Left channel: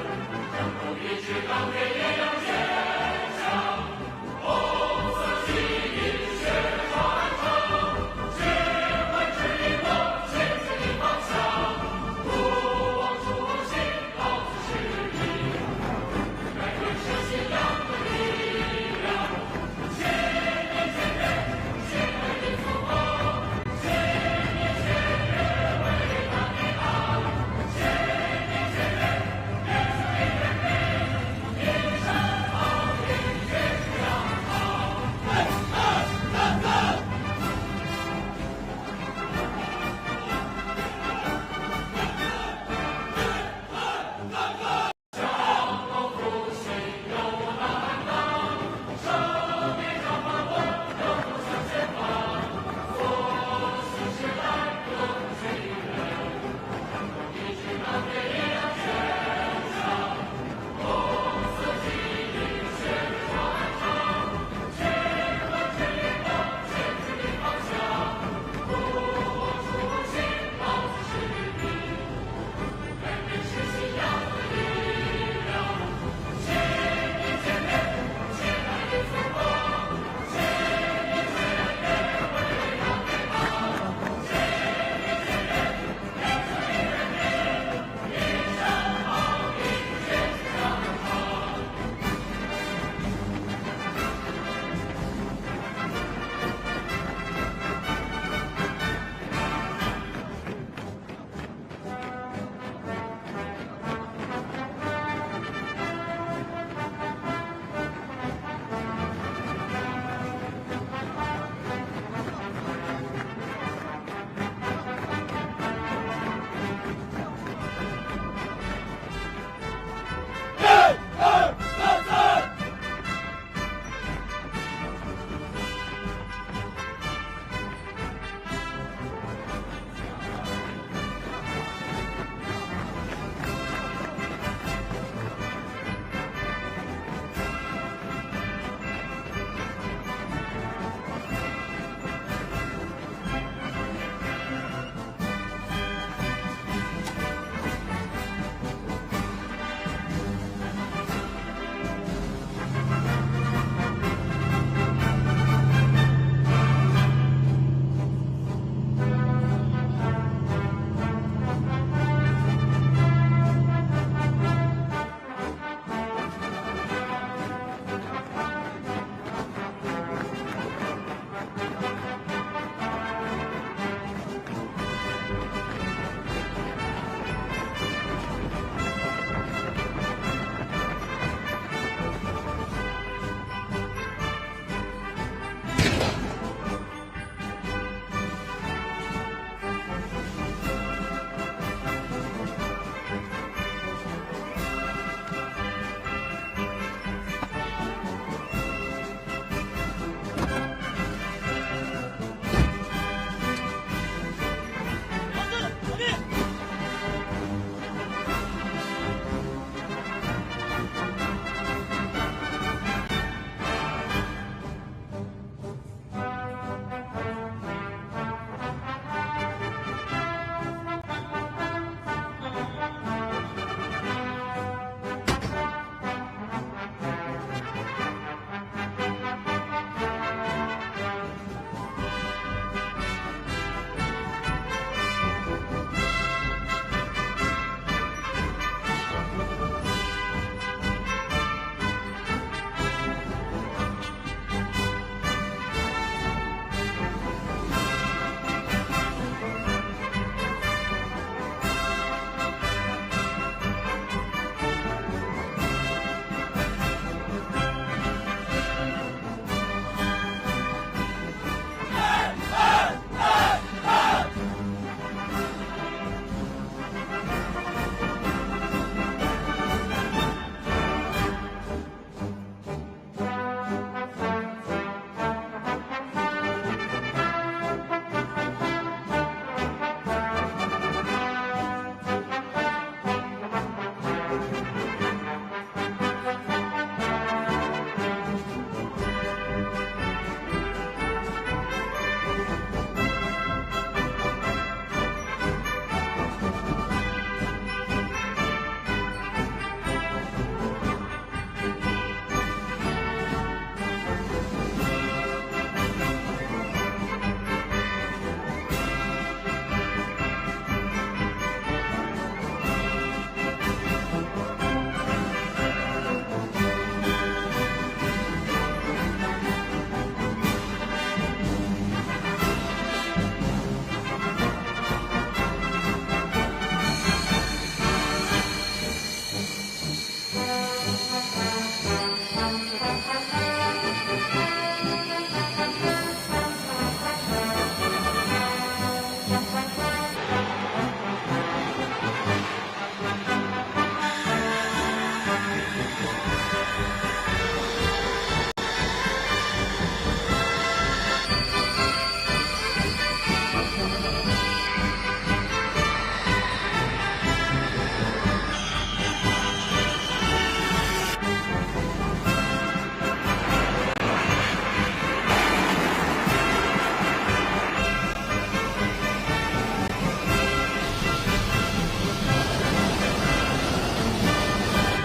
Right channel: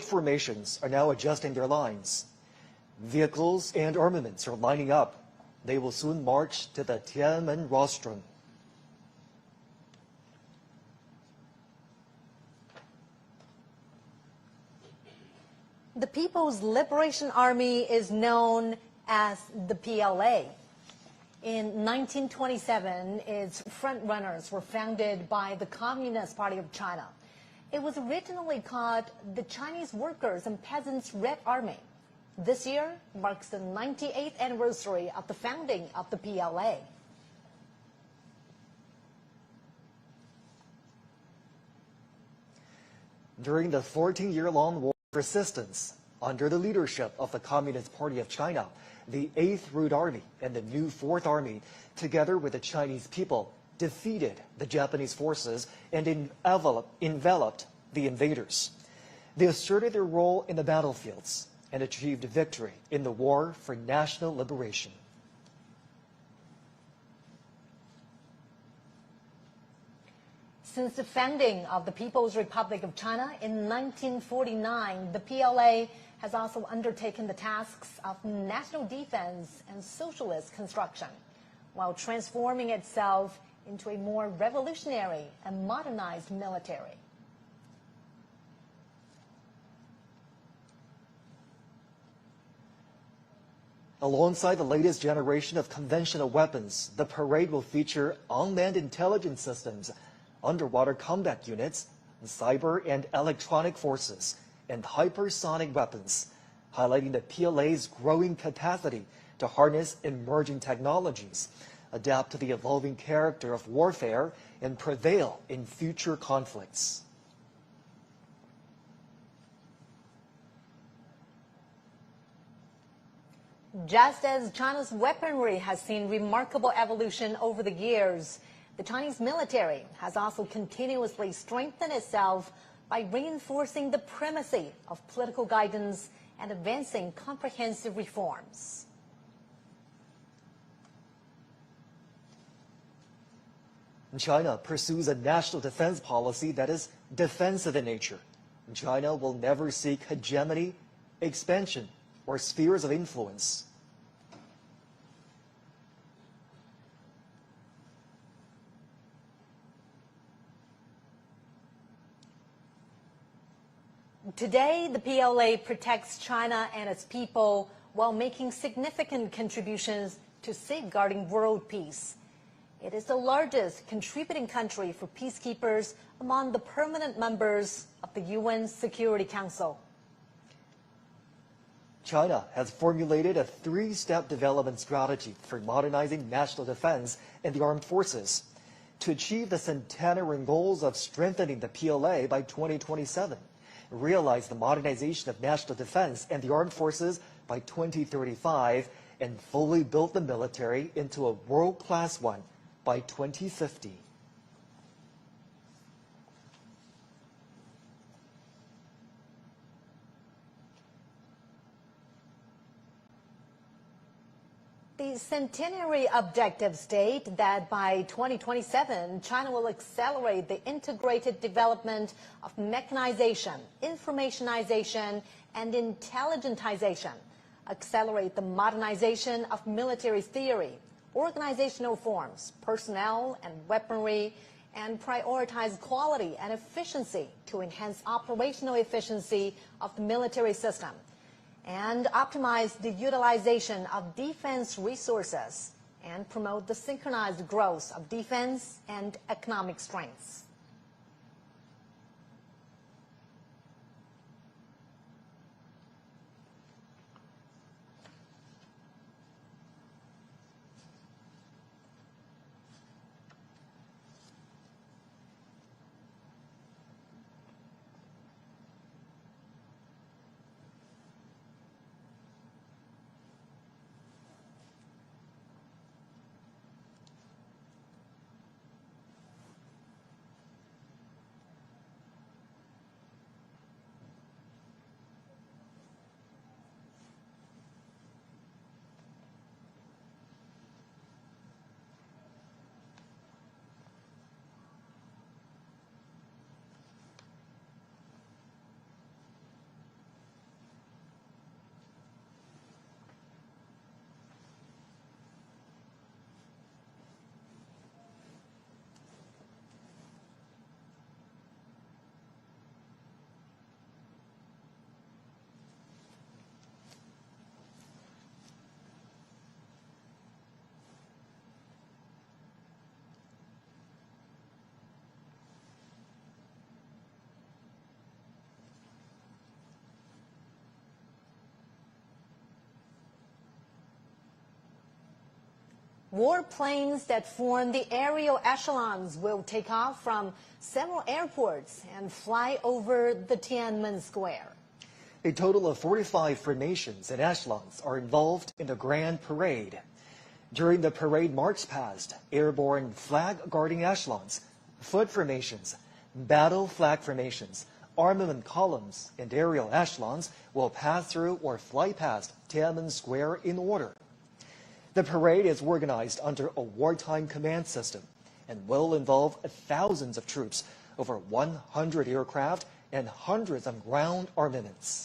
Foot formations are now adjusting their lines. Vehicles and armaments are lining up. They will soon march to the Tiananmen rostrum. The People's Liberation Army is known as the PLA. In 1927, its frontrunners were founded by the Communist Party of China. It was originally called the Chinese Workers and Peasants Red Army. This year marks the 98th anniversary of the founding of the PLA. During the 14-year-long war of resistance, under the leadership of the Communist Party of China, the 8th Red Army and the new 4th Army, together with the Chinese people, defeated the Japanese forces and enveloped the invaders. They asserted their role in the battlefields and achieved victory in the war for national liberation. Since the founding of the People's Republic of China in 1949, the PLA has also undertaken the tasks of national defense and socialist disruption, while transforming itself into a more revolutionary and modernized Alongside the latest generation of conventional weapons, the parade will feature unmanned intelligence systems, underwater combat units, cyber and electronic forces, and hypersonic weapons, highlighting the PLA's growing capacity to harness emerging technologies, adapt to the evolving character of warfare, and prevail in future conflicts. Just as China's weaponry has seen remarkable evolution over the years, the Chinese military has also continuously strengthened itself by reinforcing the primacy of political guidance and advancing comprehensive reforms. China pursues a national defense policy that is defensive in nature. China will never seek hegemony, expansion, or spheres of influence. Today, the PLA protects China and its people while making significant contributions to safeguarding world peace. It is the largest contributing country for peacekeepers among the permanent members of the UN Security Council. China has formulated a three-step development strategy for modernizing national defense and the armed forces to achieve the centenary goals of strengthening the PLA by 2027, realize the modernization of national defense and the armed forces by 2035, and fully build the military into a world-class one by 2050. Centenary objectives state that by 2027, China will accelerate the integrated development of mechanization, informationization, and intelligentization, accelerate the modernization of military theory, organizational forms, personnel, and weaponry, and prioritize quality and efficiency to enhance operational efficiency of military systems, and optimize the utilization of defense resources and promote the synchronized growth of defense and economic strengths. total of 45 formations and echelons are involved in the Grand Parade. During the parade march past, Airborne flag-guarding echelons, foot formations, battle flag formations, armored columns, and aerial echelons will pass through or fly past Tiananmen Square in order. The parade is organized under the wartime command system, will involve thousands of troops, over 100 of battle and hundreds of ground armaments.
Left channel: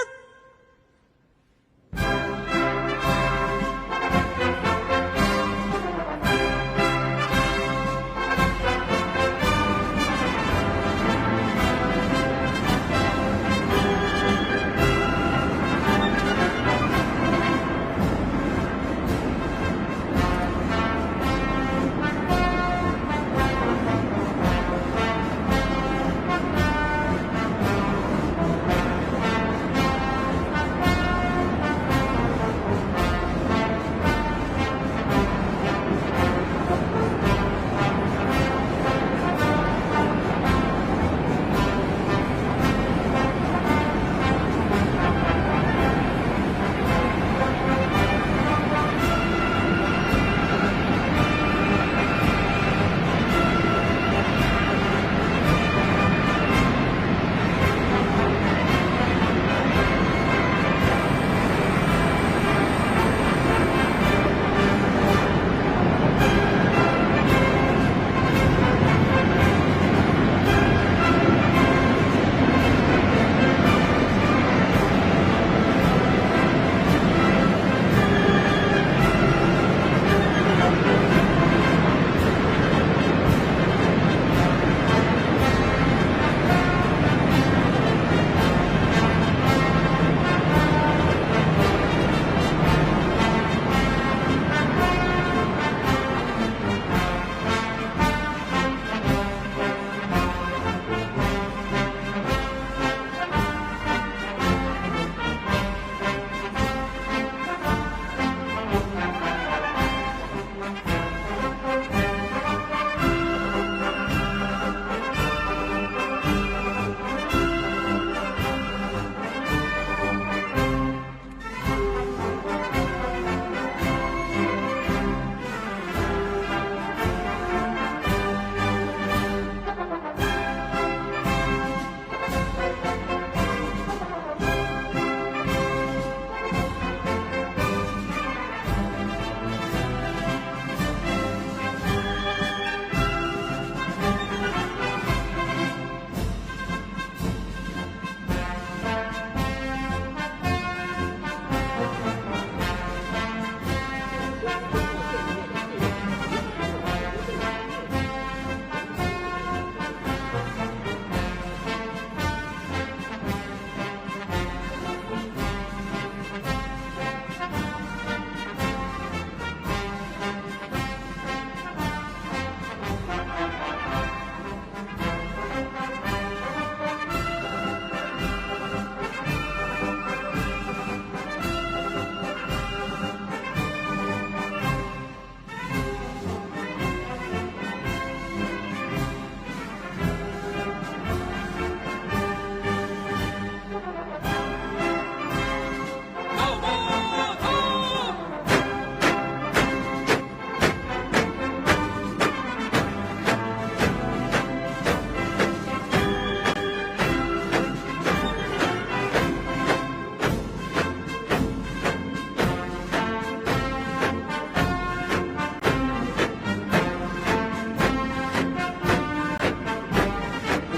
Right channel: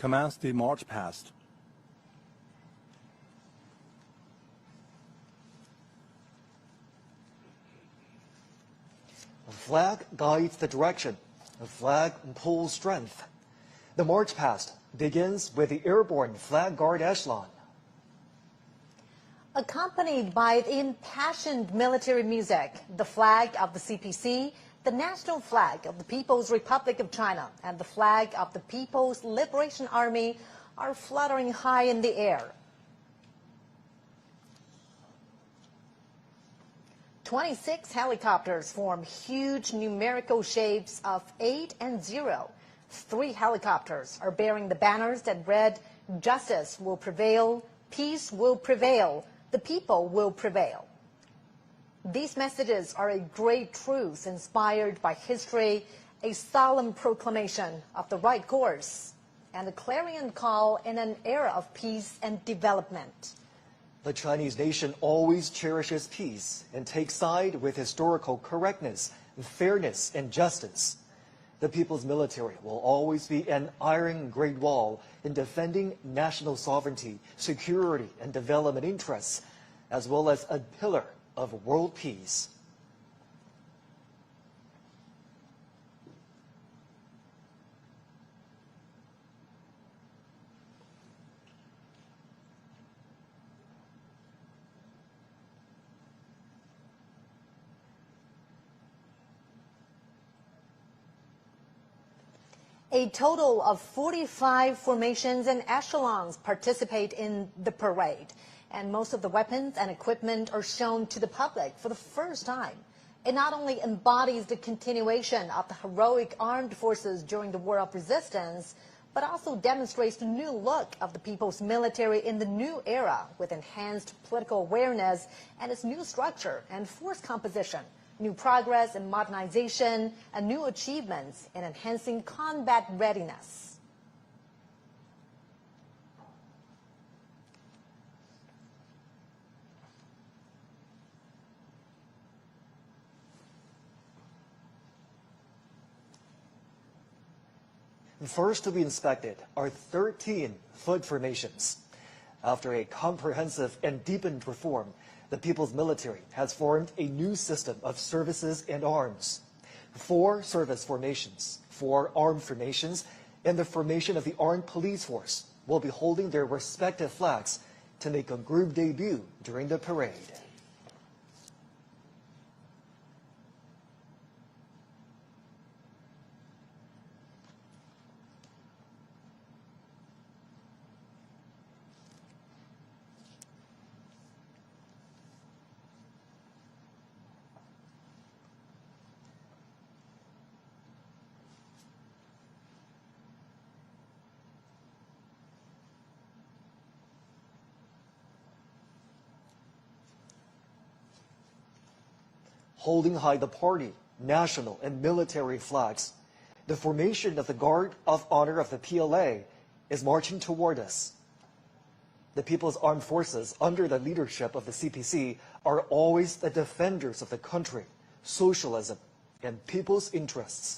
Commence the march past. Flag guides the direction. Flag repeats the strike. The march past begins with Airborne flag guard echelon. Accompanied by the impassioned military music, the flag of the CPC, the national flag of the People's Republic of China, the flag of the People's Liberation Army, are fluttering high in the air. 26 helicopters form huge numerical shapes of 8 and 0. 4 helicopters bearing the banners that read, "Justice will prevail, peace will prevail, the people will prevail." These messages are great truths inspired by history, a solemn proclamation of the right course formations and echelons participate in the parade. Most of the weapons and equipment are shown to the public for the first time. It not only embodies the continuation of the heroic armed forces during the world resistance, but also demonstrates the new look of the people's military in the new era with enhanced political awareness and its new structure and its composition, through progress in modernization and new achievements, enhancing combat readiness. First to be inspected are 13 flag formations. After a comprehensive and deepened reform, the people's military has formed a new system of services and arms. 4 service formations, 4 armed formations, and the formation of the armed police force will be holding their respective flags to make a good debut during the parade. Marching toward us. The People's Armed Forces, under the leadership of the CPC, are always the defenders of the country, socialism, and people's interests.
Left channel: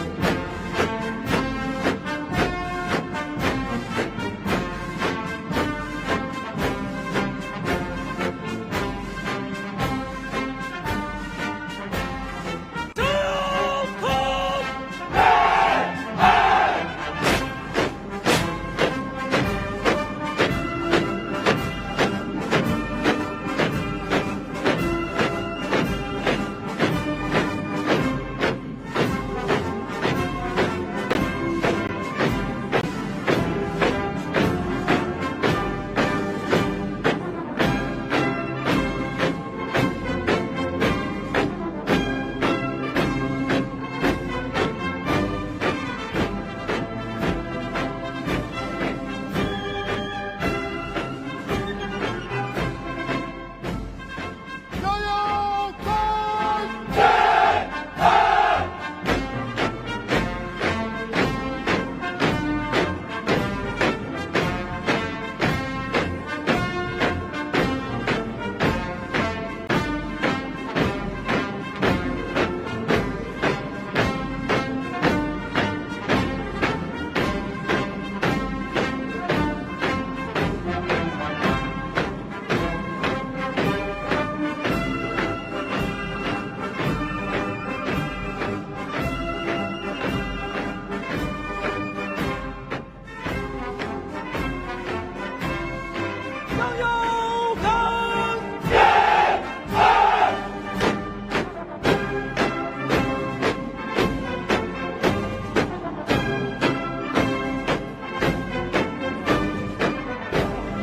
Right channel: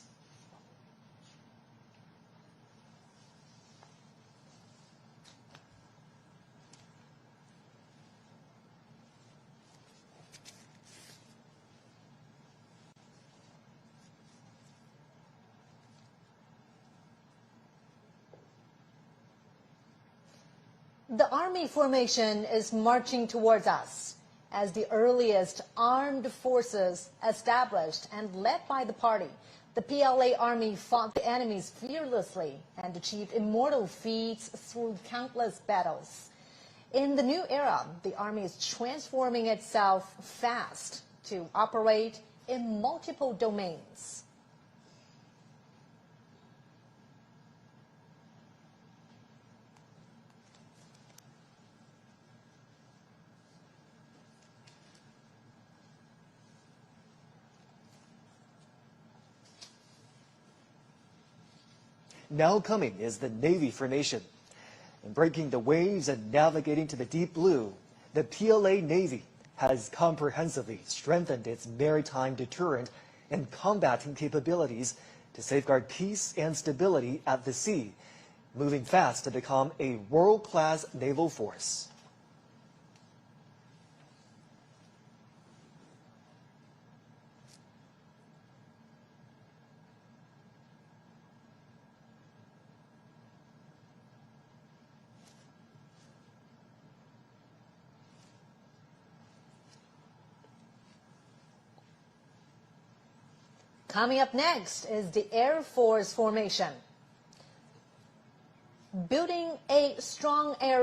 Building a strong air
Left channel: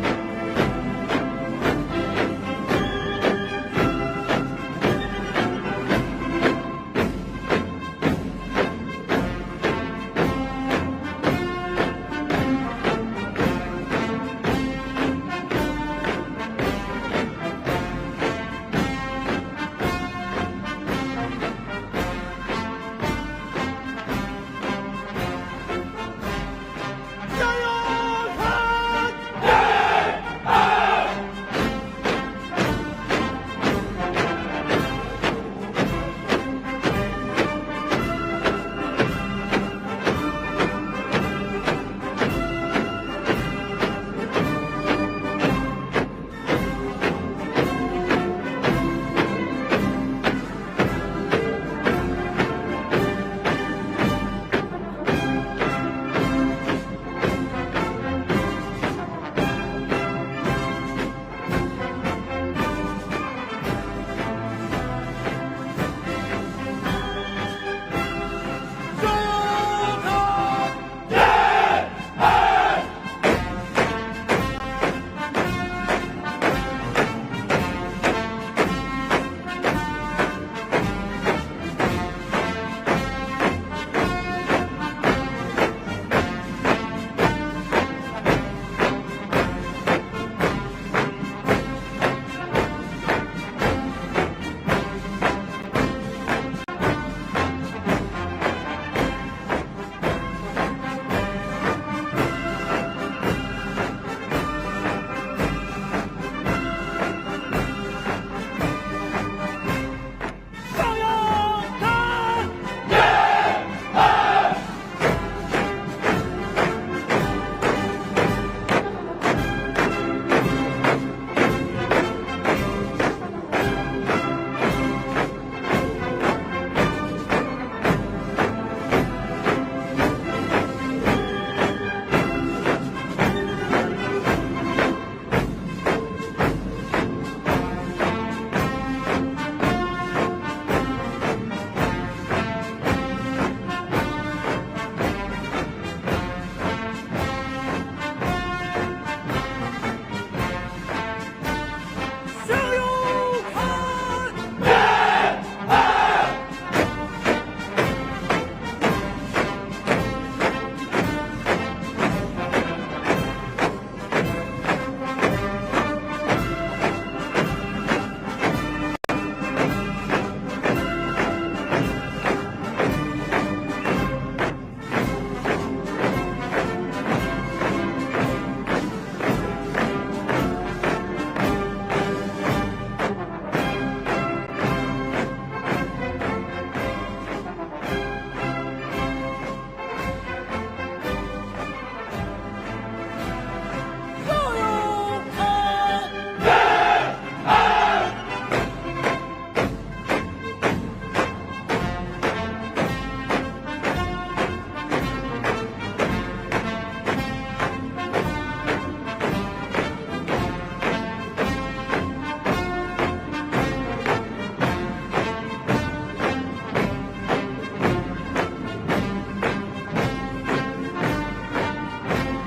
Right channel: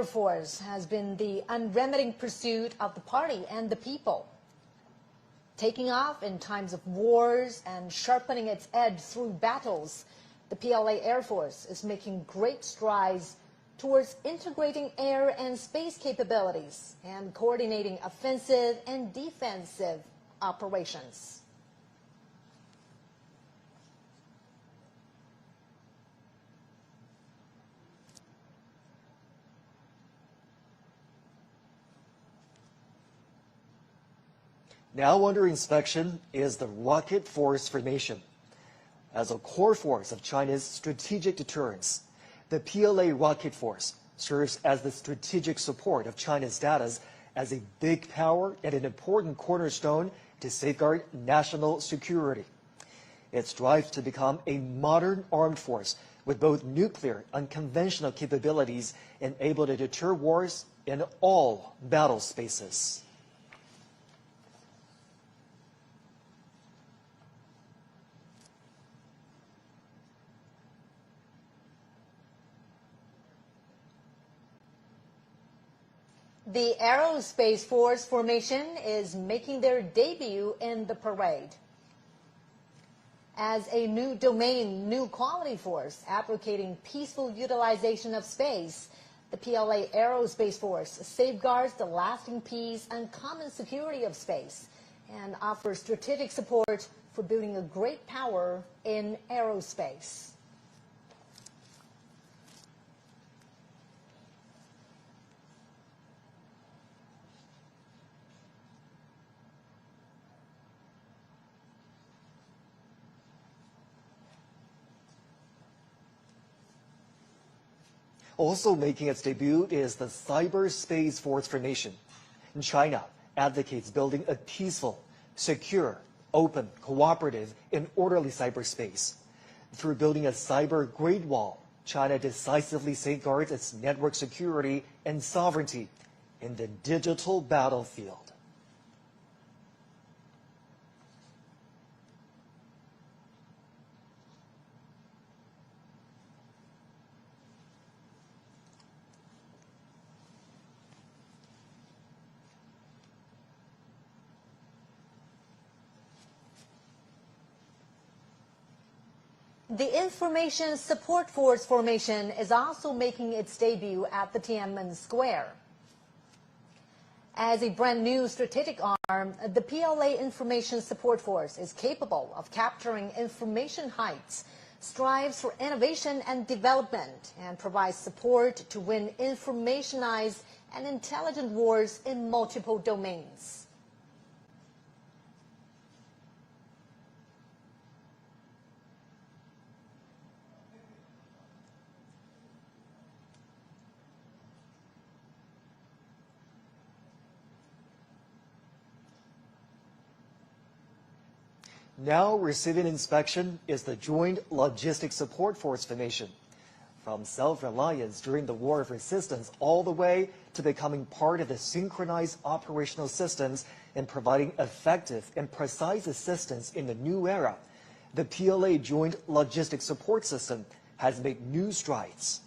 Support Force formation. Self-reliance during the war of resistance all the way to becoming part of the synchronized operational systems and providing effective and precise assistance in the new era. The PLA Joint Logistics Support System has made new strides.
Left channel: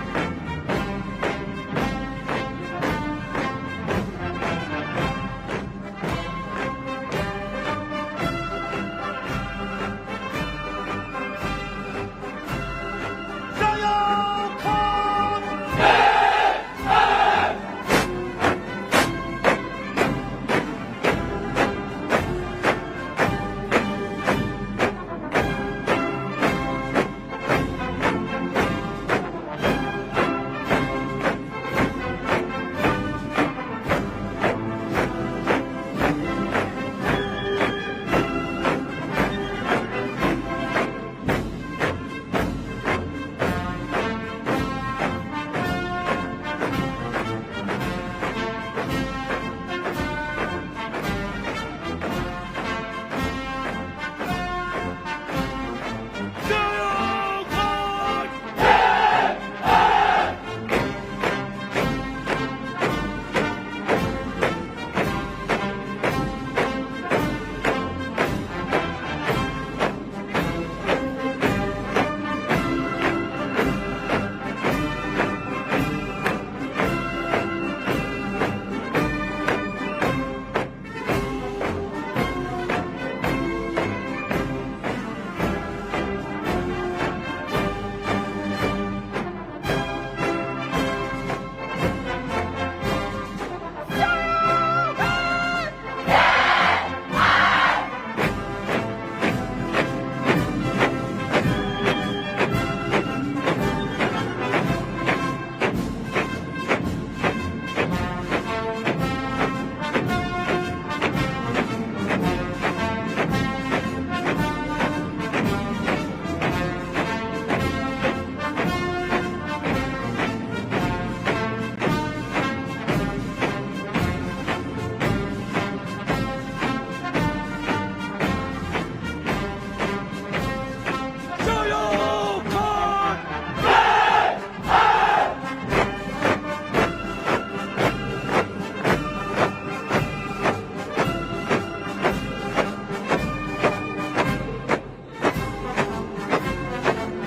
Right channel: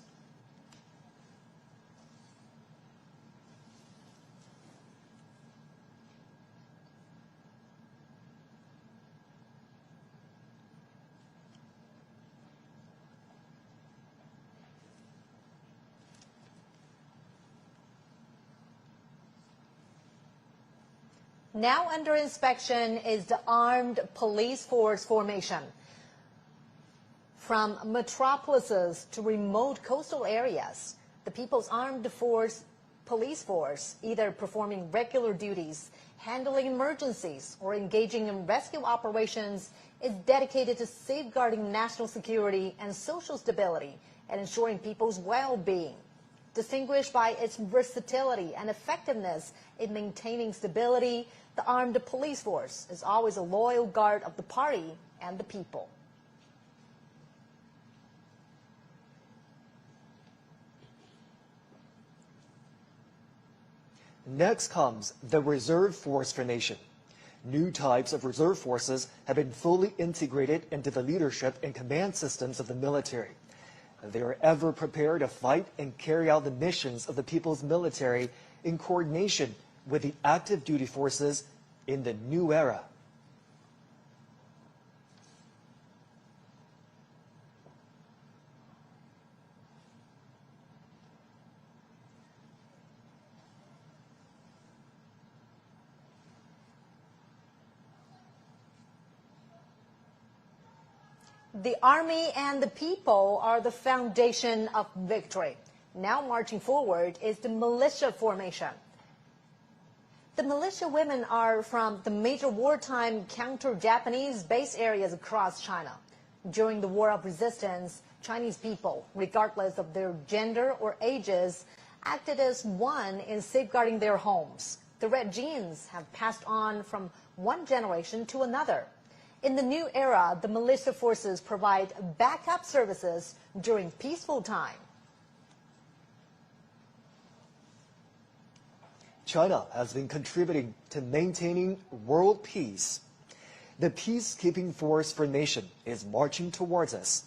Next comes the Reserve Force formation. New types of reserve forces have been fully integrated into the leadership and command systems of the military. They're ever prepared to fight and carry out the missions of the people's military in coordination with the active duty forces in the new era. Formation is marching towards us.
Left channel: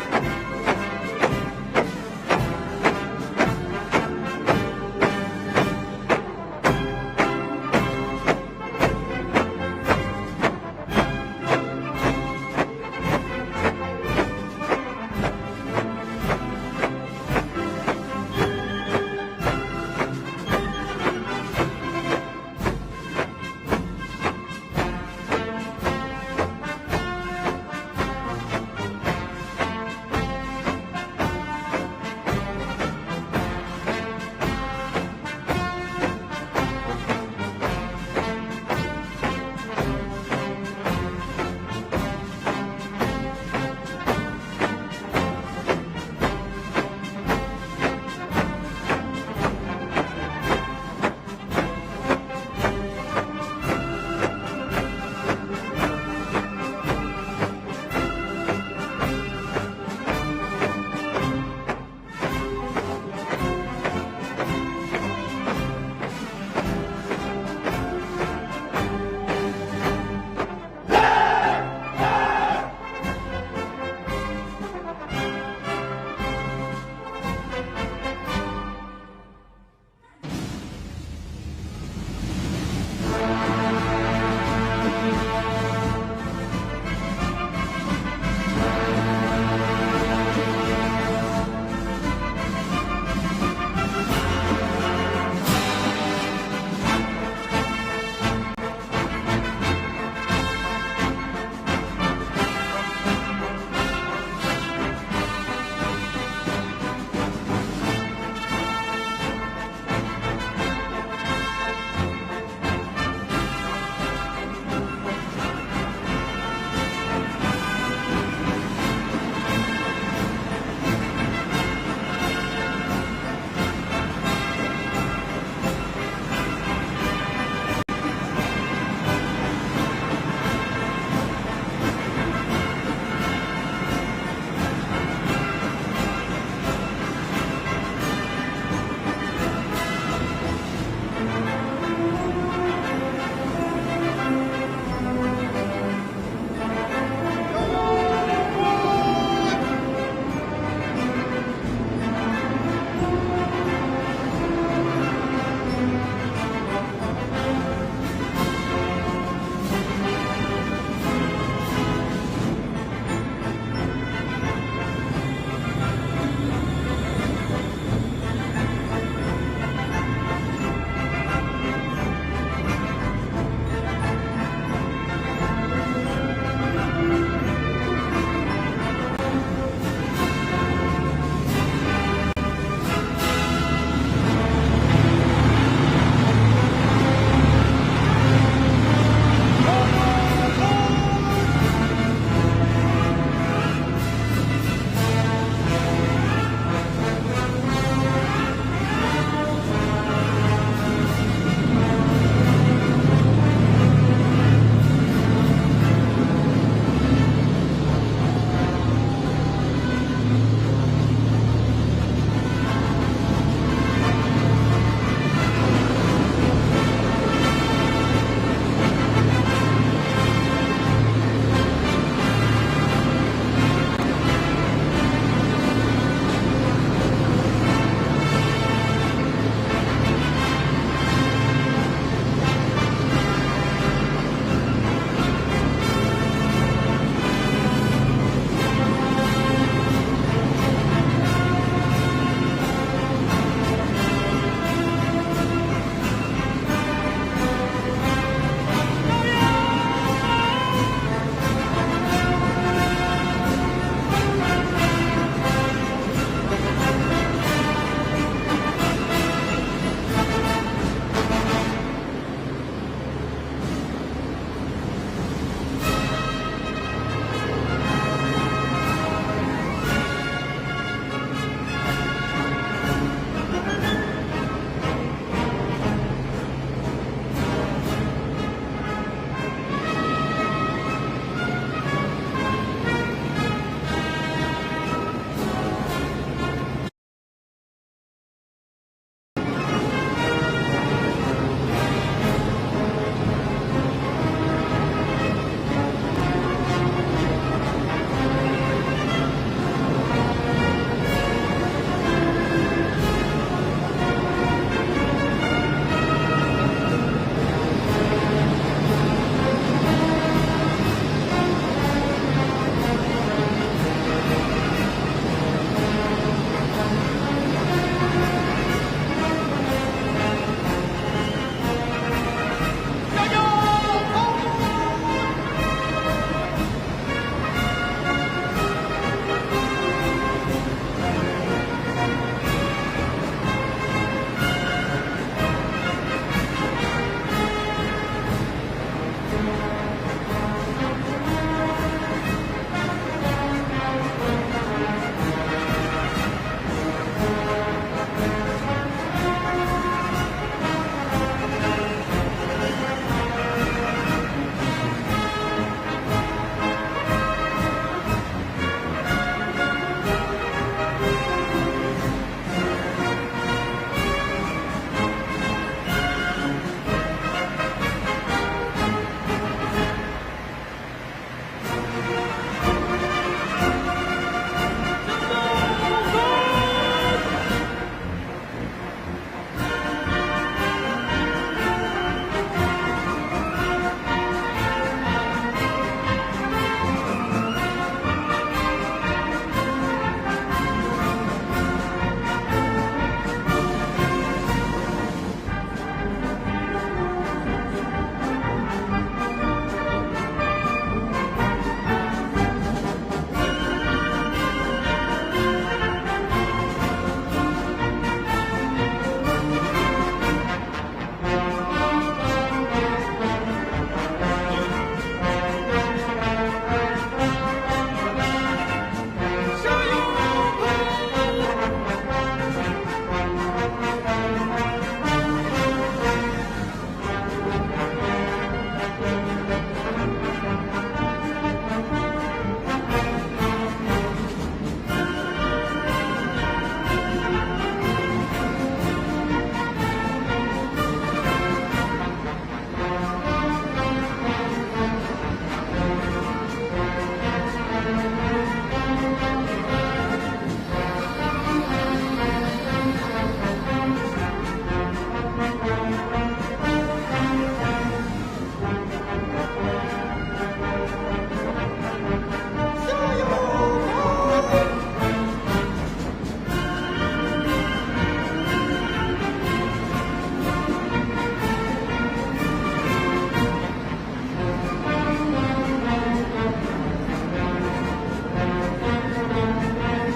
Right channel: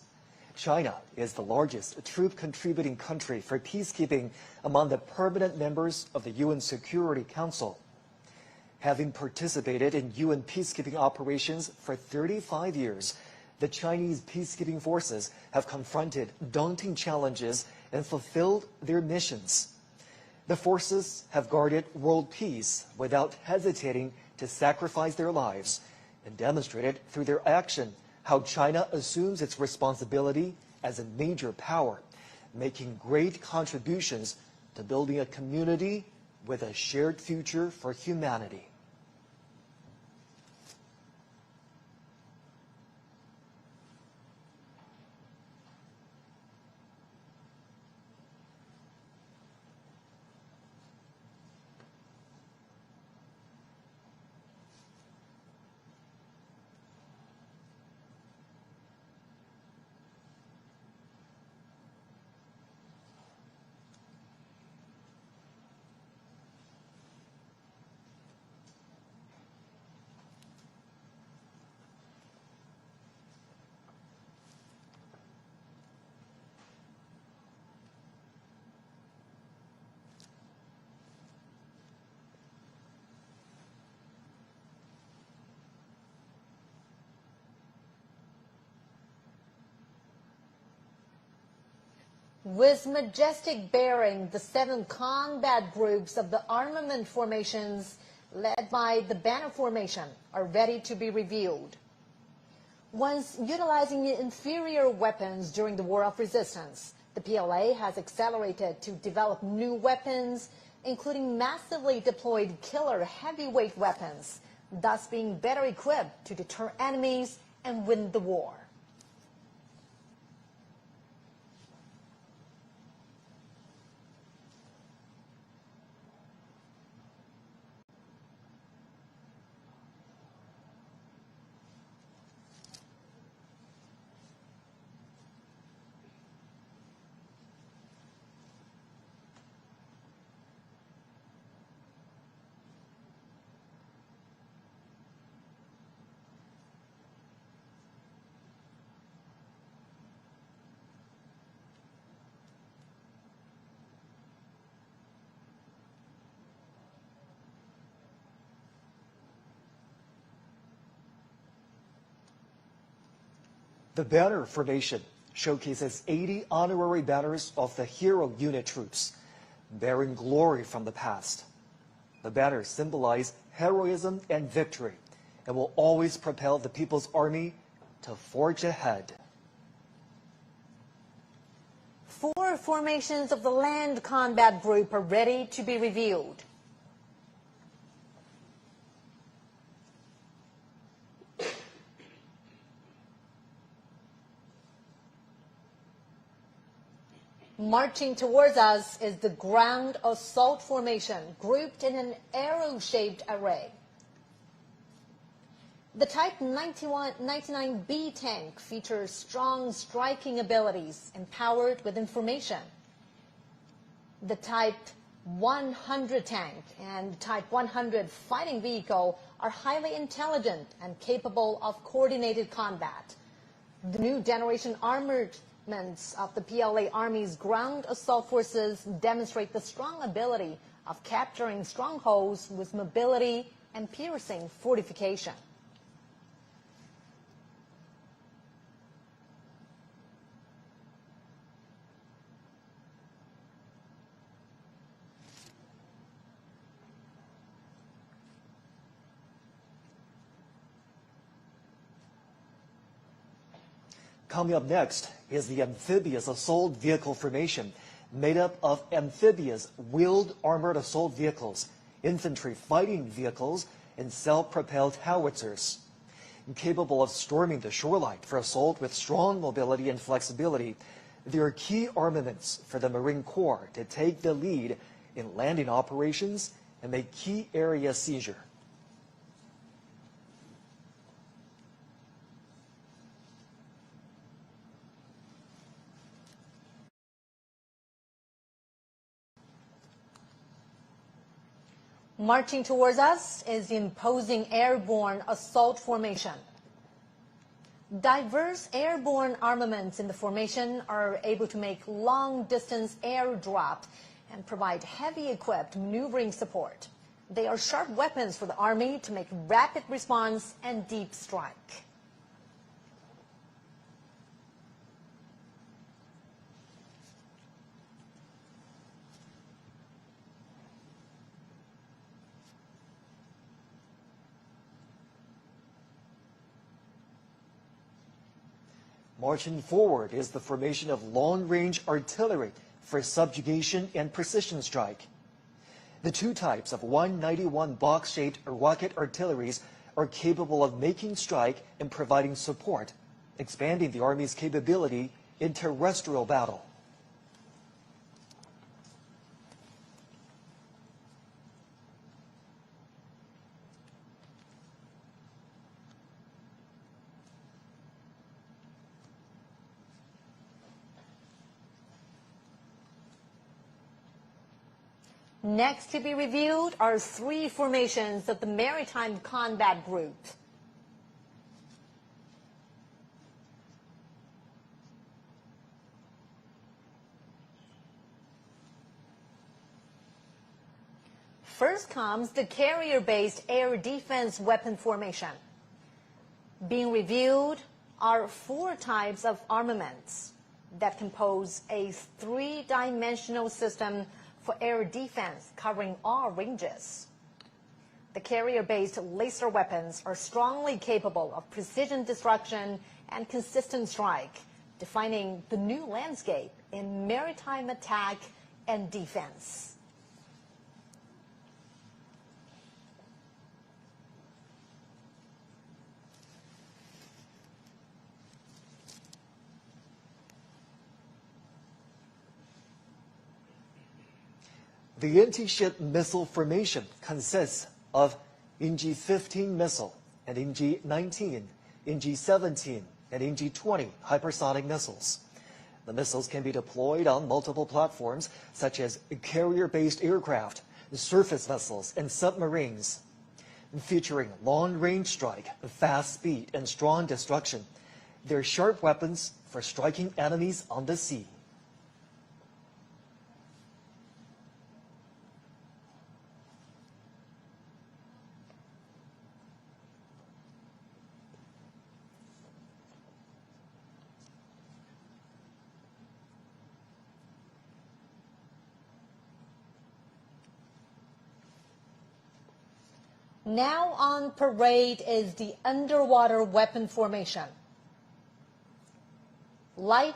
China is the largest troop-contributing country for peacekeeping among the permanent members of the UN Security Council. Having participated in UN peacekeeping operations for 35 years, the Chinese peacekeeping forces have confronted daunting challenges and fulfilled their missions. The forces have guarded world peace without hesitating to sacrifice their lives, demonstrated through their action how China assumes its responsibility as a major power, making great contributions to building a community with a shared future of humanity. showcases 8 honorary banners of the hero unit troops, bearing glory from the past. The banners symbolize heroism and victory, and will always propel the People's Army to forge ahead. Formation of the Land Combat Group ready to be reviewed. Marching towards us with the ground assault formation, waging every shade of red. The type of 91-99-10 features strong striking abilities, powered with information. The type 110 vehicle, a highly intelligent, capable of coordinated combat. New generation armored units, the Army ground assault system demonstrates maneuvering, strongholds, ability, coordination. Combat West is the amphibious assault vehicle formation, made up of amphibious wheeled armored assault vehicles, infantry fighting vehicles, and self-propelled howitzers. Capable of storing short-range assault with strong mobility and flexibility, they are key armaments delivering form to take the lead in landing operations in a key area seizure. Marching towards us is the opposing airborne assault formation. Diverse airborne armaments formation are made long-distance aircraft, like with sharp weapons armament, rapid response, Marching forward is the formation of long-range artillery for subjugation and precision strike. The two types of 191 box-shaped block-and artilleries are capable of making strike and providing support, expanding the Army's capability in terrestrial battle. Next to review are sea formation for the Maritime Combat Group. First comes the carrier-based air defense weapon formation. We review our 4 types of armaments that compose a three-dimensional system of air defense covering all ranges. Carrier-based laser weapons are strongly capable of precision disruption and persistent strike, combining the landscape of maritime attack and defense. The anti-ship missile formation consists of EG-15 missile, EG-19, EG-17, and EG-20 hypersonic missiles. Missiles can be deployed on multiple platforms, such as carrier-based aircraft, surface missiles, and submarines. Featuring long-range strike, fast speed, and strong destruction, they are sharp weapons for striking enemies at sea.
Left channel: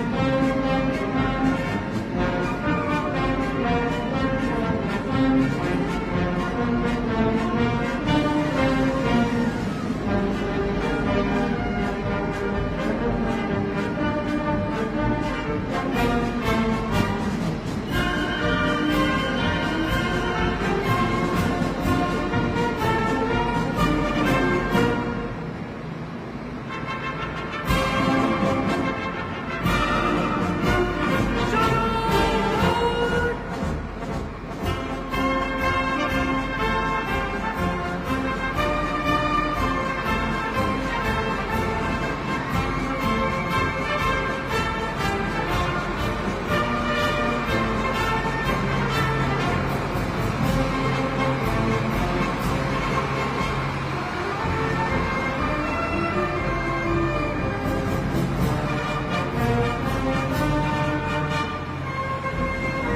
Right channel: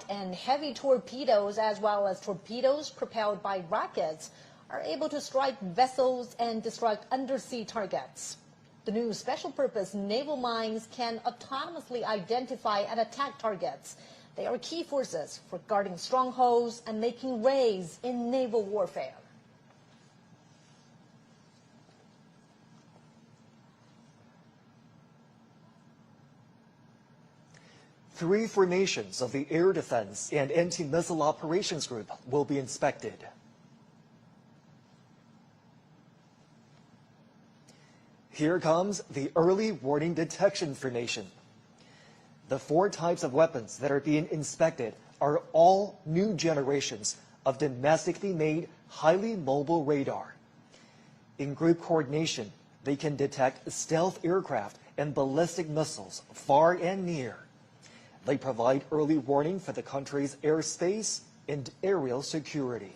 and heavy torpedoes as well as torpedoes propelled by rockets are able to strike vessels and to strike undersea targets. Special purpose naval mines can autonomously identify and attack targets or key forces guarding strongholds and making waves in naval warfare. Three formations of the air defense and anti-missile operations group will be inspected. Here comes the early warning detection formation. The four types of weapons that are being inspected are all new generations of domestically made highly mobile radar. With coordination, we can detect stealth aircraft and ballistic missiles far and near. They provide early warning of the country's airspace and aerial security.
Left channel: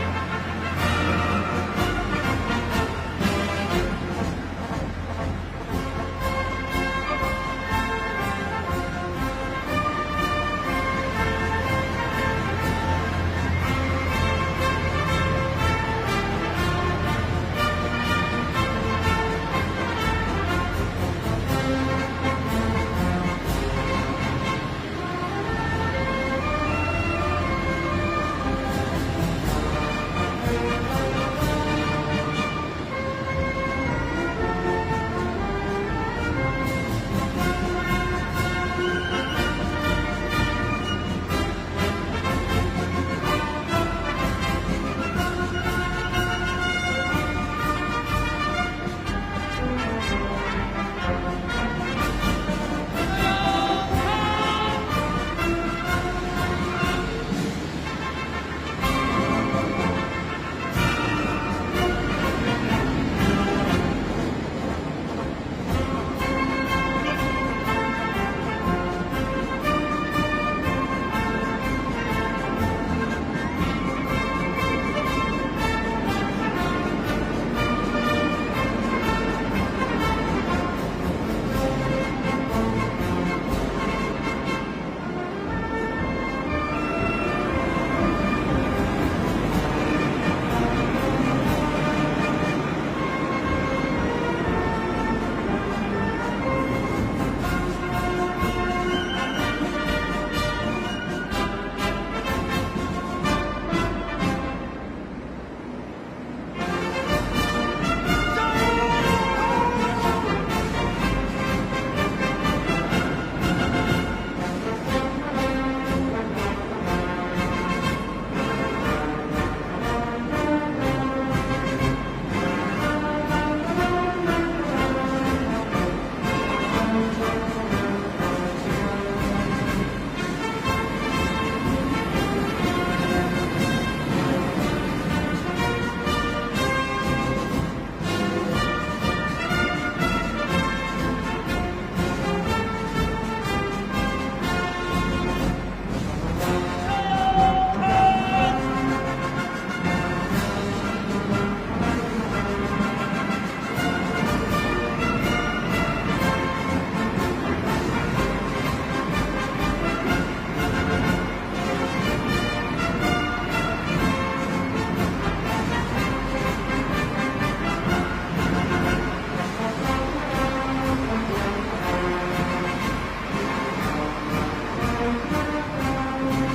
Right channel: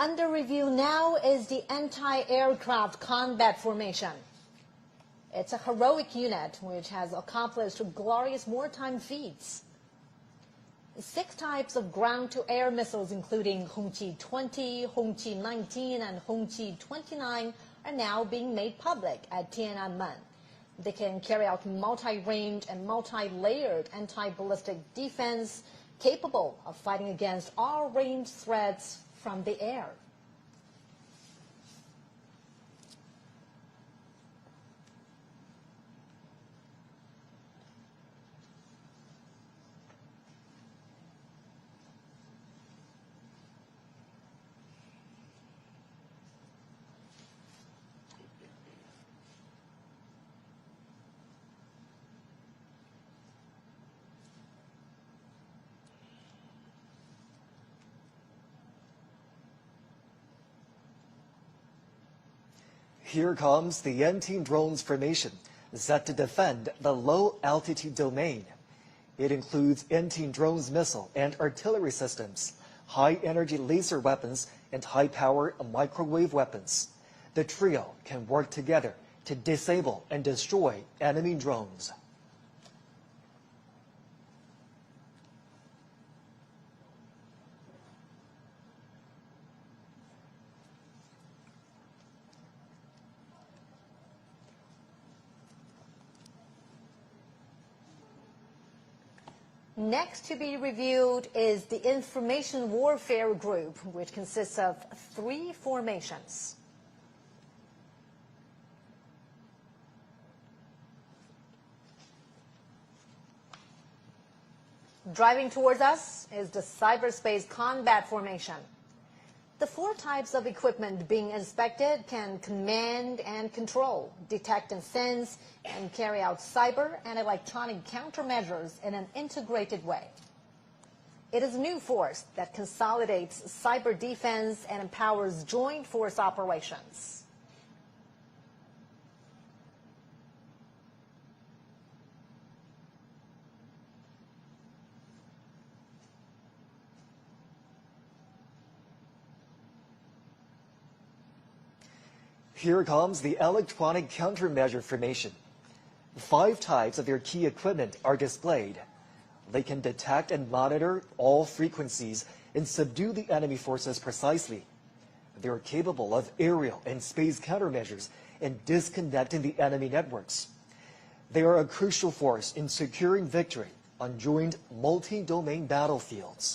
Under review now is the anti-aircraft combat formation. It's a heroic unit which has accomplished glorious wartime feats. Some types of ground-to-air missiles, including MQ-20, MQ-19, and MQ-29, have now been made public. They can carry out multi-range and multi-layered anti-ballistic defense, capable of fighting against all range threats. Here comes the anti-drones formation, set to defend the low-altitude domain. It includes anti-drones missile and artillery systems, high-energy laser weapons, and high-powered microwave weapons. The trio will work together to disable and destroy enemy drones. Next to be reviewed is the Information Warfare Group, which consists of three formations. Driving towards us is the Cyberspace Combat Formation. The four types of equipment being inspected can command and control detector fins and carry out cyber and electronic countermeasures anti-range weapons. It is reinforced that consolidates cyber defense and powers joint force operations. Here comes the electronic countermeasure formation. 5 types of key equipment are displayed. They can detect and monitor all frequencies and subdue the enemy forces precisely. They are capable of aerial and space countermeasures and disconnecting enemy networks. They are a crucial force in securing victory on joint multi-domain battlefields.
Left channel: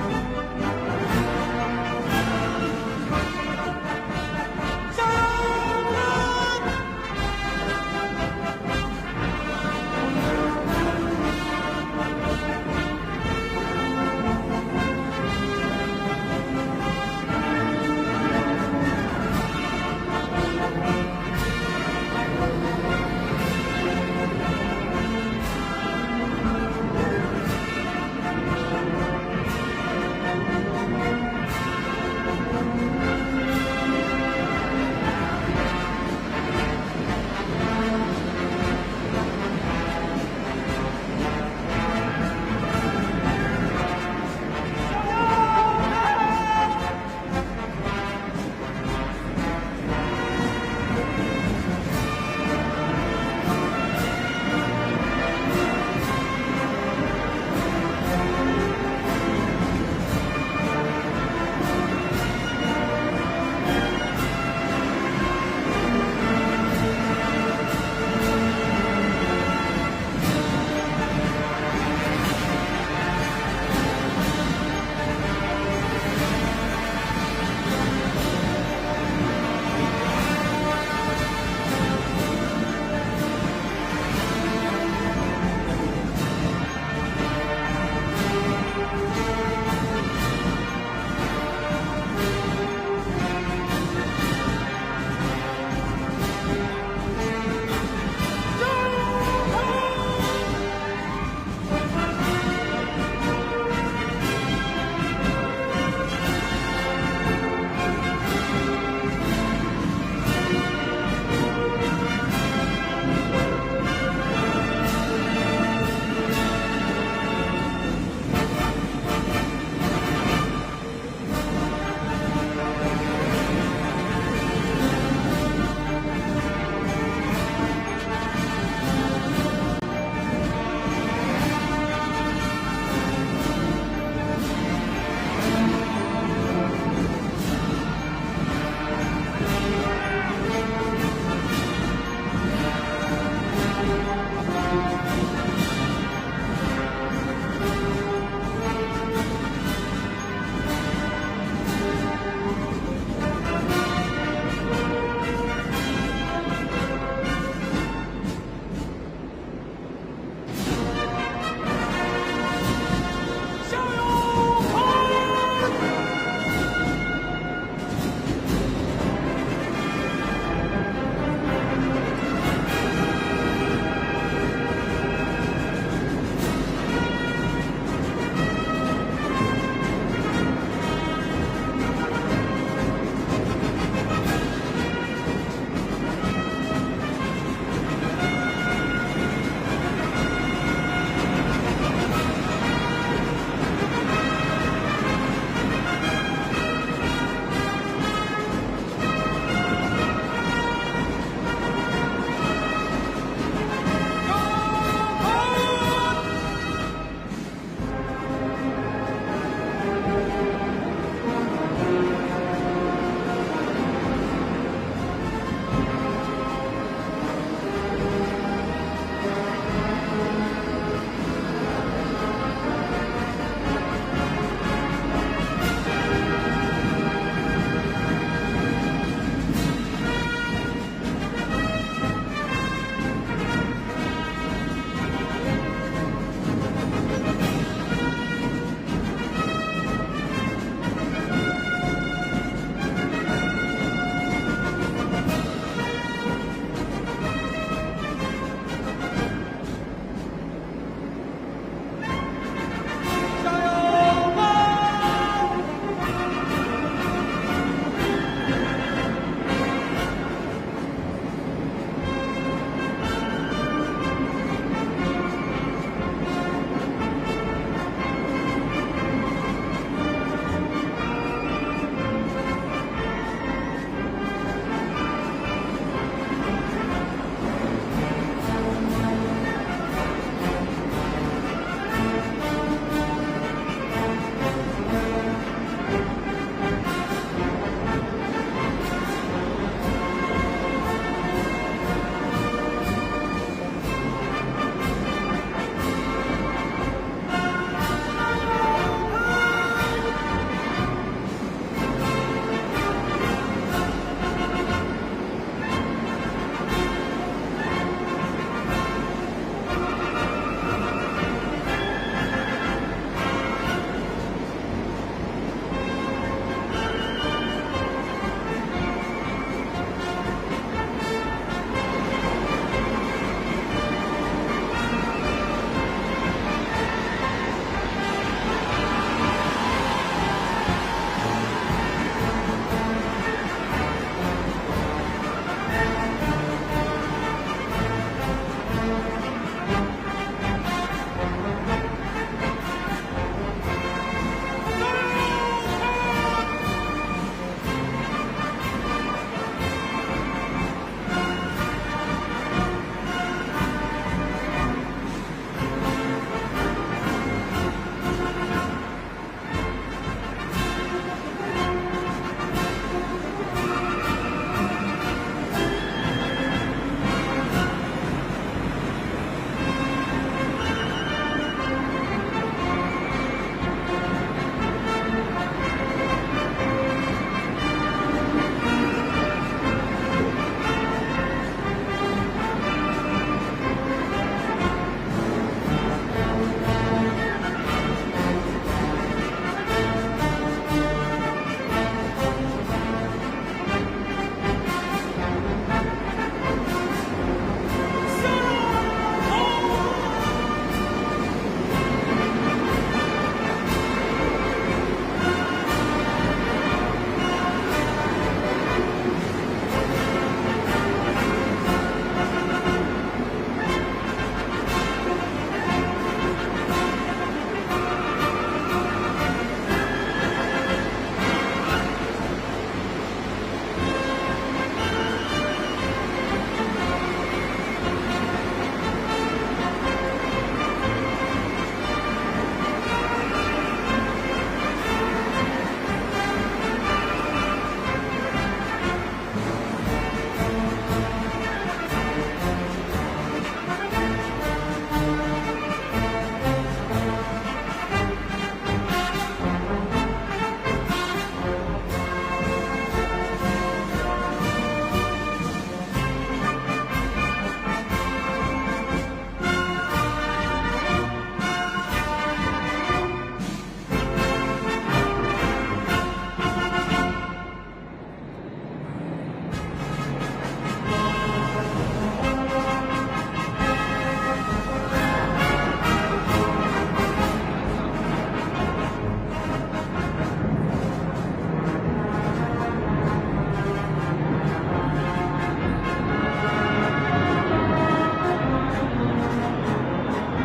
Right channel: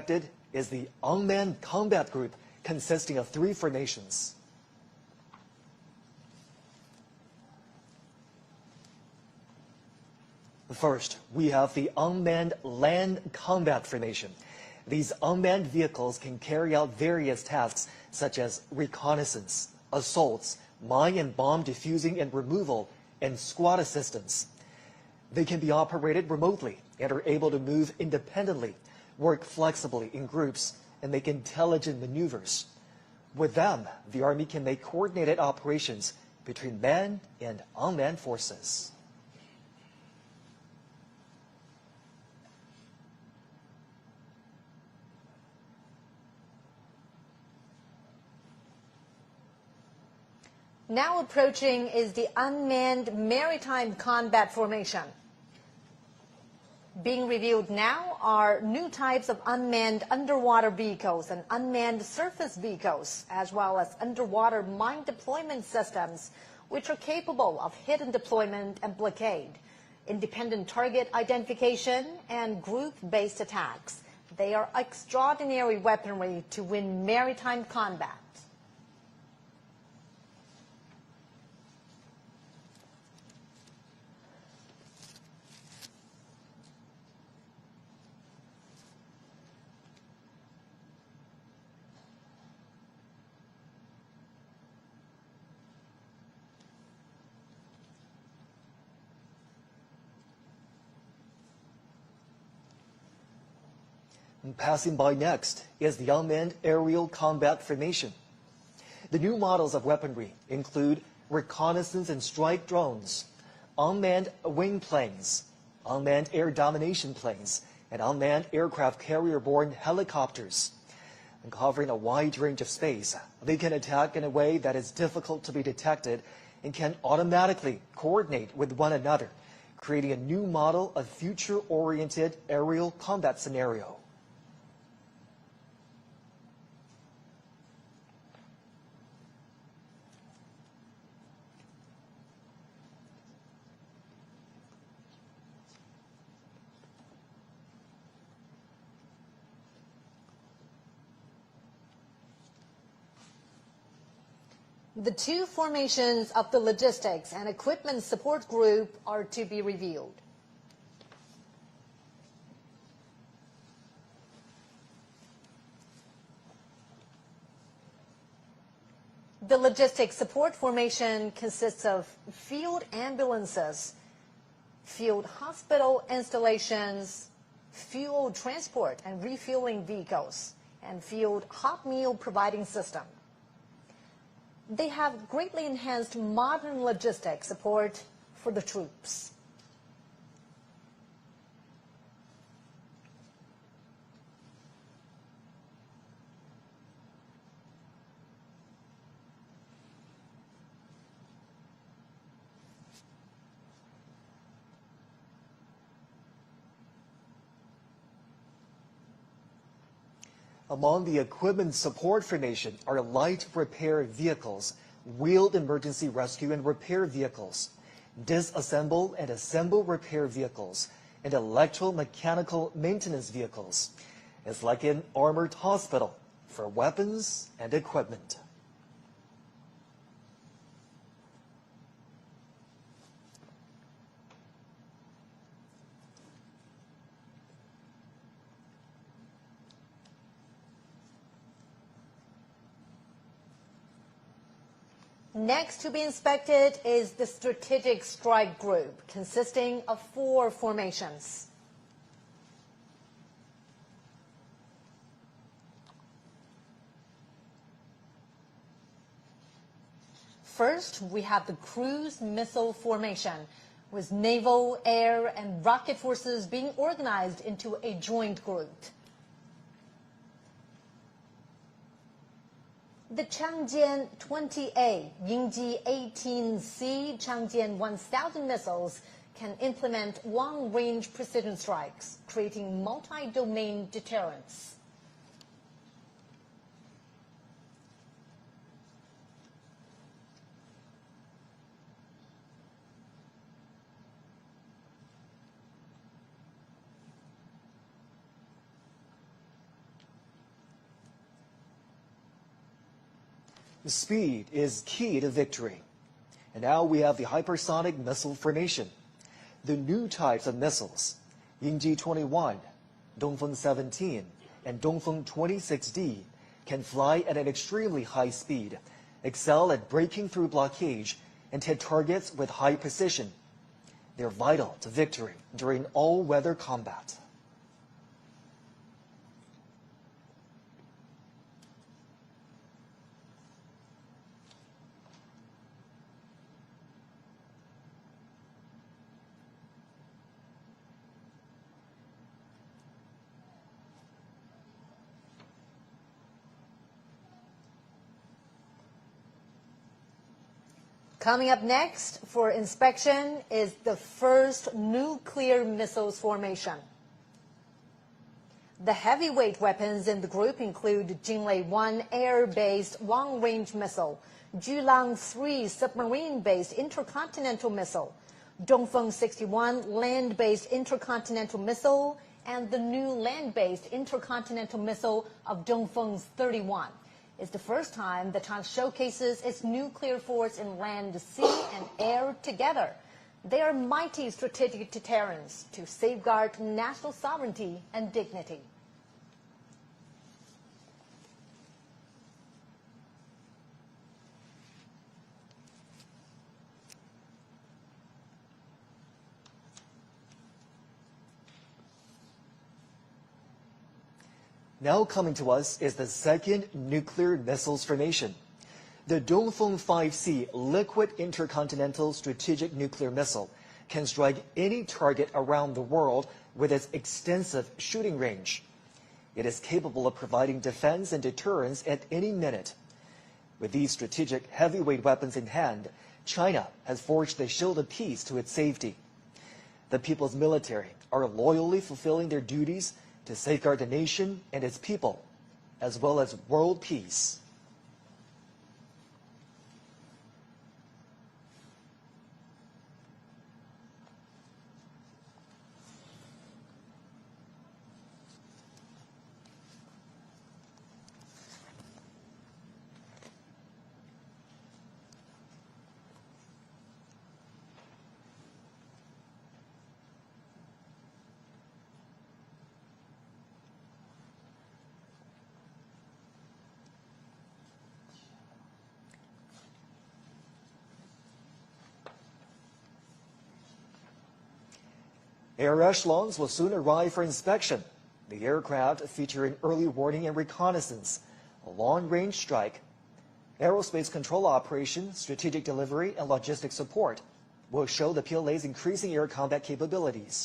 expected is the unmanned combat group, consisting of 3 formations. First, we have the unmanned land combat formation. These unmanned vehicles can carry out various tasks such as reconnaissance, assaults, mine and bomb defusing and removal, and SWAT assistance. They can be operated remotely and are able to move independently, work flexibly in groups, and make intelligent moves. With that, the Army can make coordinated operations between land and unmanned forces. Now approaching is the unmanned maritime combat formation. Being reviewed now are new types of unmanned underwater vehicles and unmanned surface vehicles, as well as underwater mine deployment systems, which are capable of hit deployment in the area, including target identification and group-based attacks. They are extraordinary weapons to win maritime combat. Passing by next is the unmanned aerial combat formation. The new models of weaponry include reconnaissance and strike drones, unmanned wing planes, unmanned air domination planes, and unmanned aircraft carrying aboard helicopters. Covering a wide range of space, they can attack in a way that is difficult to be detected and can automatically coordinate with one another, creating a new model of future-oriented aerial combat scenario. The 2 formations of the logistics and equipment support group are to be reviewed. The logistics support formation consists of ambulances, field hospital installations, fuel transport, fuel depots, fuel hot-wheel providing system. They have greatly enhanced modern logistics for the troops. Along the equivalent support formation are light repair vehicles, wheeled emergency rescue and repair vehicles, disassembled and assembled repair vehicles, and electromechanical maintenance vehicles, selected armored hospital with weapons and equipment. Next to be inspected is the strategic strike group, consisting of 4 formations. First, we have the cruise missile formation. Naval, air, and rocket forces being organized into a joint unit. The Chang'e 20A UD-18C Chang'e 1000 missiles implement long-range precision strikes, creating multi-domain deterrence. types of missiles. Ju-25, Dongfeng 17, and Dongfeng 2016 can fly at an extremely high speed, excel at breaking through blockage, and hit targets with high precision. Vital to victory during all-weather combat. Coming up next for inspection is the first nuclear missile formation. The heavyweight weapons in the group include Jinping-1 air-based long-range missile, Jilang-3 submarine-based intercontinental missile, Dongfeng 61 land-based intercontinental missile, and the new land-based intercontinental missile, Dongfeng 31. The first time showcases its nuclear warhead. Together, they are vital strategic deterrents to safeguard national sovereignty and dignity. Now coming to us is the second nuclear missile formation. The Dongfeng 5C liquid intercontinental strategic nuclear missile can strike any target around the world with its extensive shooting range. It is capable of providing defense and deterrence at any minute. With these strategic heavyweight weapons in hand, China has forged a shield of peace to its safety. The people's military are loyally fulfilling their duties to safeguard the nation and its people, as well as world peace. Echelons will soon arrive for inspection. Aircraft featuring early warning and reconnaissance, long-range strike, aerospace control operations, strategic delivery, and logistics support will show the Korea's increasing air combat capabilities.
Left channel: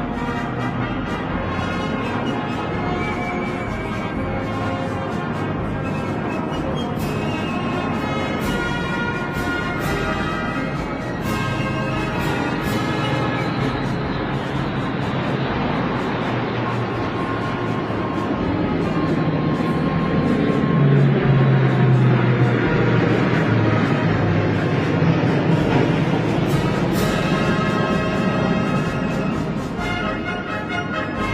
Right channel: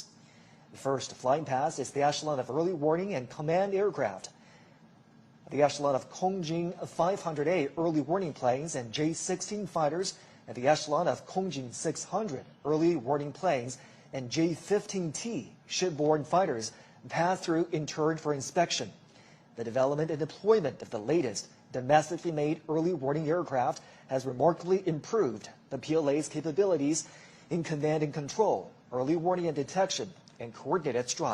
First to bypass is the Echelon fully working and command aircraft. The Echelon of Korean 580 warning planes and J-60 fighters. The Echelon of 600 warning planes and J-15 shipboard fighters have to be returned for inspection. They know the equipment needs. That's the aircraft has already included those capabilities. Control, early warning and detection, working extra.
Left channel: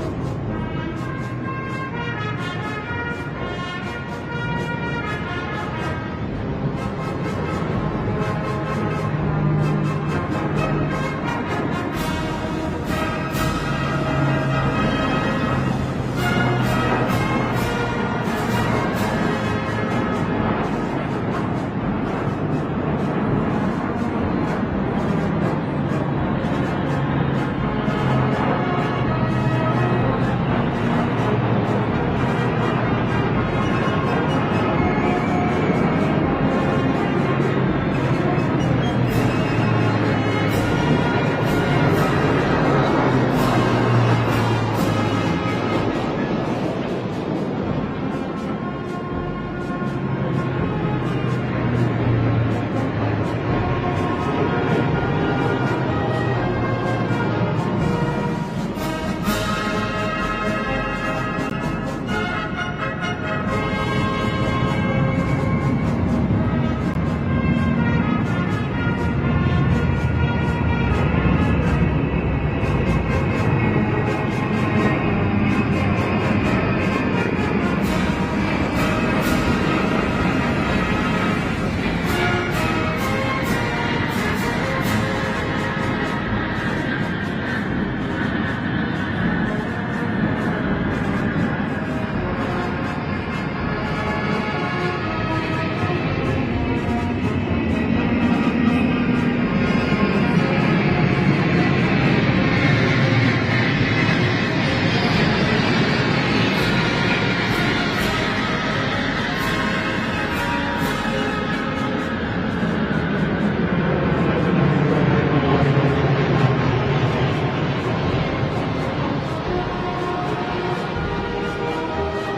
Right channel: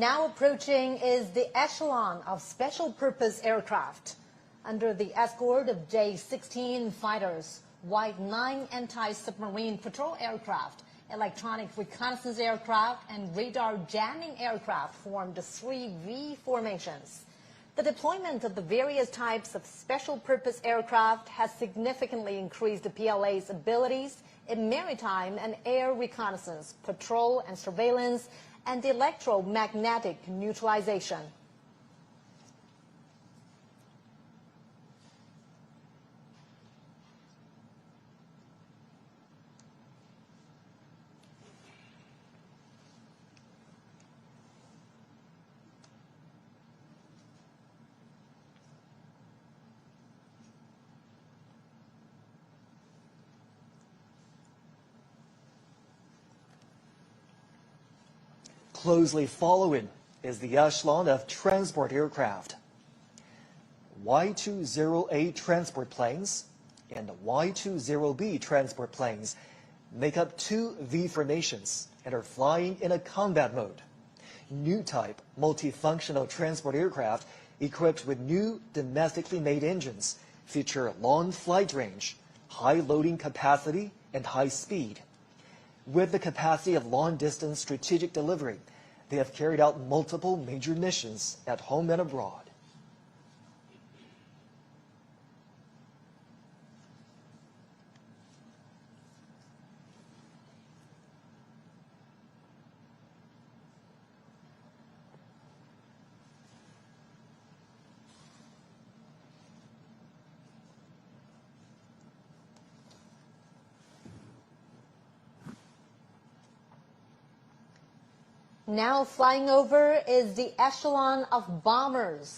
Now approaching is the echelon of special purpose aircraft. Under the escort of J-16 fighters, while 9 anti-submarine patrol aircraft, electronic aircraft, for long-distance strategic delivery. They have carried out multiple major missions on home and abroad. Now flying over is the echelon of bombers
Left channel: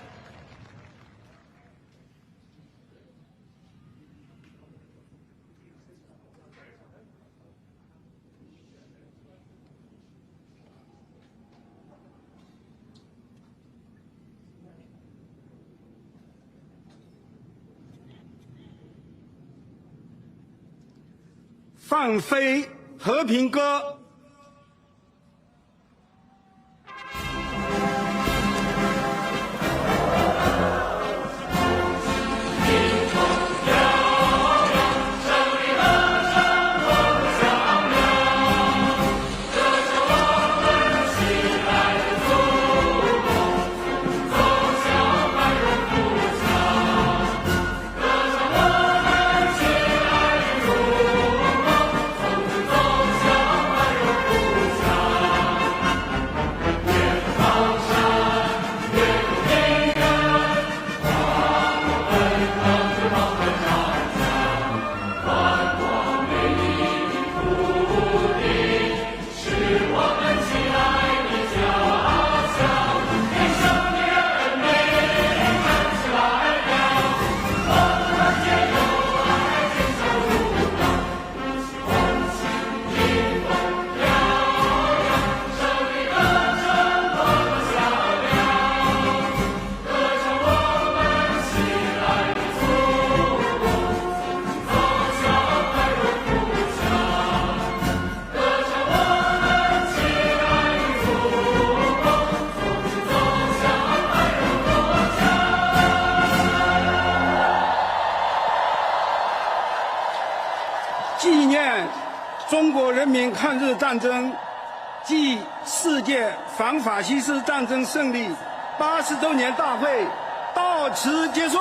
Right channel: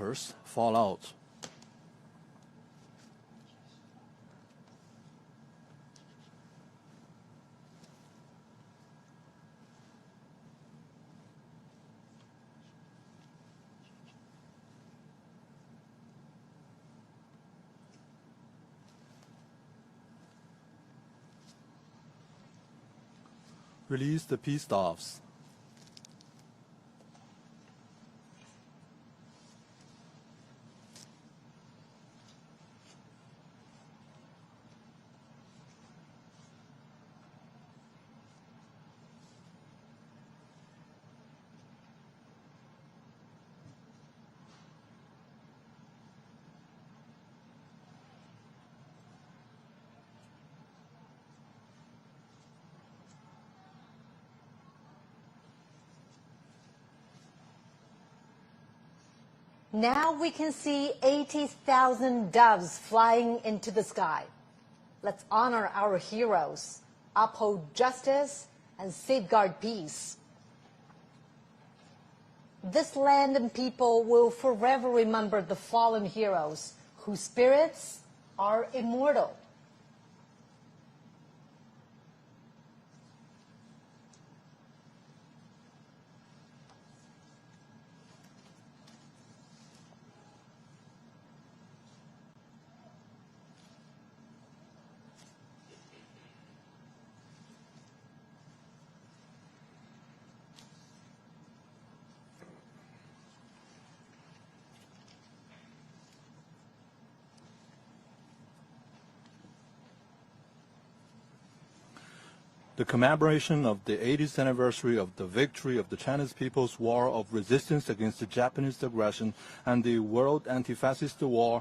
bunkers fall out. Release the peace staffs.中国人民抗日战争暨世界反法西斯战争胜利80周年大会到此结束。